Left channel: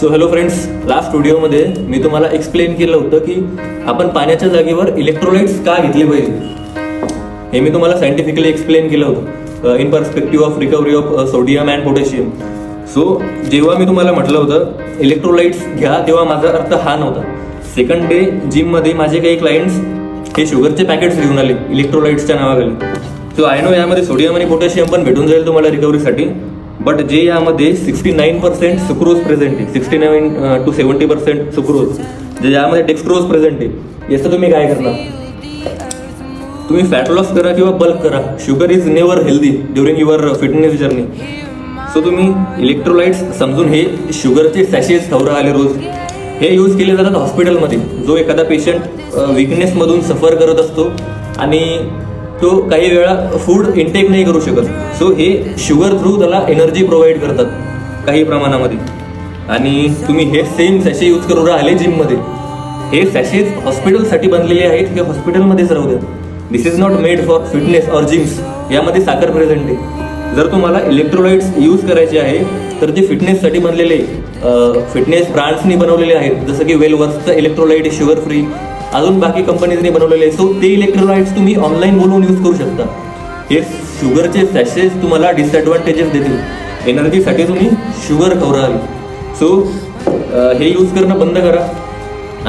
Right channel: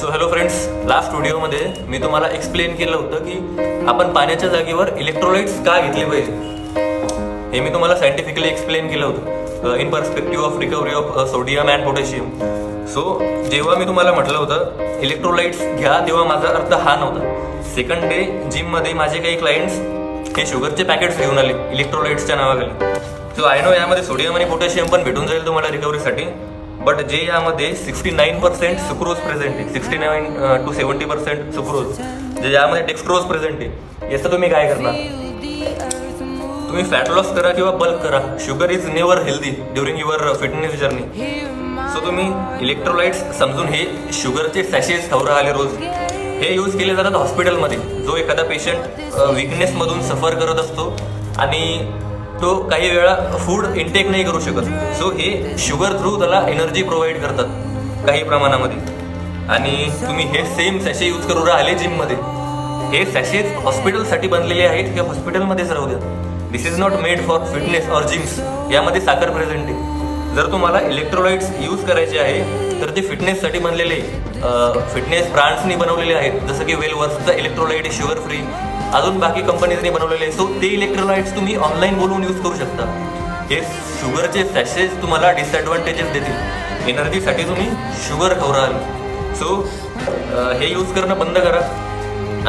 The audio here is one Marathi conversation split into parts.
सो हॅलो फ्रेंड्स, लास्ट व्हिडिओमध्ये मी तुम्हाला एक्सप्लेन केलं होतं की आपण पाण्याच्या जागेवर इलेक्ट्रोलाइट्स का घेतले पाहिजे. हे मी तुम्हाला सायंटिफिकली एक्सप्लेन केलं होतं in perspective of recovery of sodium and potassium. So जेव्हा मी तुम्हाला म्हटलं होतं इलेक्ट्रोलाइट्स घ्या, तेव्हा माझा अर्थ हा नव्हता. सेकंड डे जिममध्ये माझे काही क्लायंट्स हे शुगरचे पॅकेट्स घेऊन आले इलेक्ट्रोलाइट्सच्या नावाखाली. सो आय नो यामध्ये सोडियम आणि पोटॅशियम पण भेटून जाईल तुम्हाला रिकव्हरीसाठी, बट जे यामध्ये 69% सुक्रोज प्रेझेंट आहे, 69 to 70% सुक्रोज, जे यामध्ये डेक्स्ट्रोज प्रेझेंट आहे, याचं तुम्ही काय करणार? तुम्ही फॅट लॉस करा किंवा बल्क करा, sugar is never healthy during your fitness journey. So तुम्ही इलेक्ट्रोलाइट्स समजून हे शुगरचे सॅशेज खवरा आले रोज, हे यूज केले जातात हॉस्पिटलमध्ये. जो एखादा पेशंट विकनेसमधून सफर करत असतो आणि तो काही वेळा फूड इनटेक नाही करू शकत, सो हे शुगर थ्रू त्याला एनर्जी प्रोव्हाइड करतात काही प्रमाणामध्ये. आणि तुम्ही हे सेम सॅशे यूज करू राहिले जिममध्ये. हे सॅशेज हॉस्पिटलसाठी बनलेले आहेत, हे हॉस्पिटलमध्येच राहू द्या. This is not made for fitness or gyms. यामध्ये साखर प्रेझेंट आहे. जर तुम्हाला इलेक्ट्रोलाइट्स यूज करायचे आहे तर ते फिटनेससाठी बनलेले, फिटनेस ब्रँड्सनी बनवलेले आहेत, जसं की वेलवर्सचं इलेक्ट्रोलाइट शुगर फ्री, अजून बाकी कंपनीजनी बनवलेले आहे. सो ते इलेक्ट्रोलाइट्स तुम्ही ऑनलाईन बोलवून यूज करू शकता. हे शुगरचे सॅशेस तुम्हाला डिसएडव्हान्टेजेस देतील. एनर्जीसाठी तुम्ही शुगर खवराल. सो हे यूज करणं बंद करा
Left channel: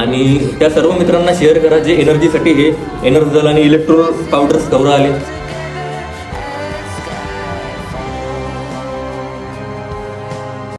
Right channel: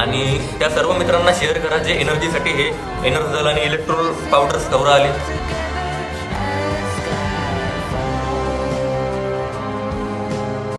आणि त्या सर्व मित्रांना शेअर करा जे एनर्जीसाठी हे एनर्जल आणि इलेक्ट्रोल पावडर्स खवरा आले.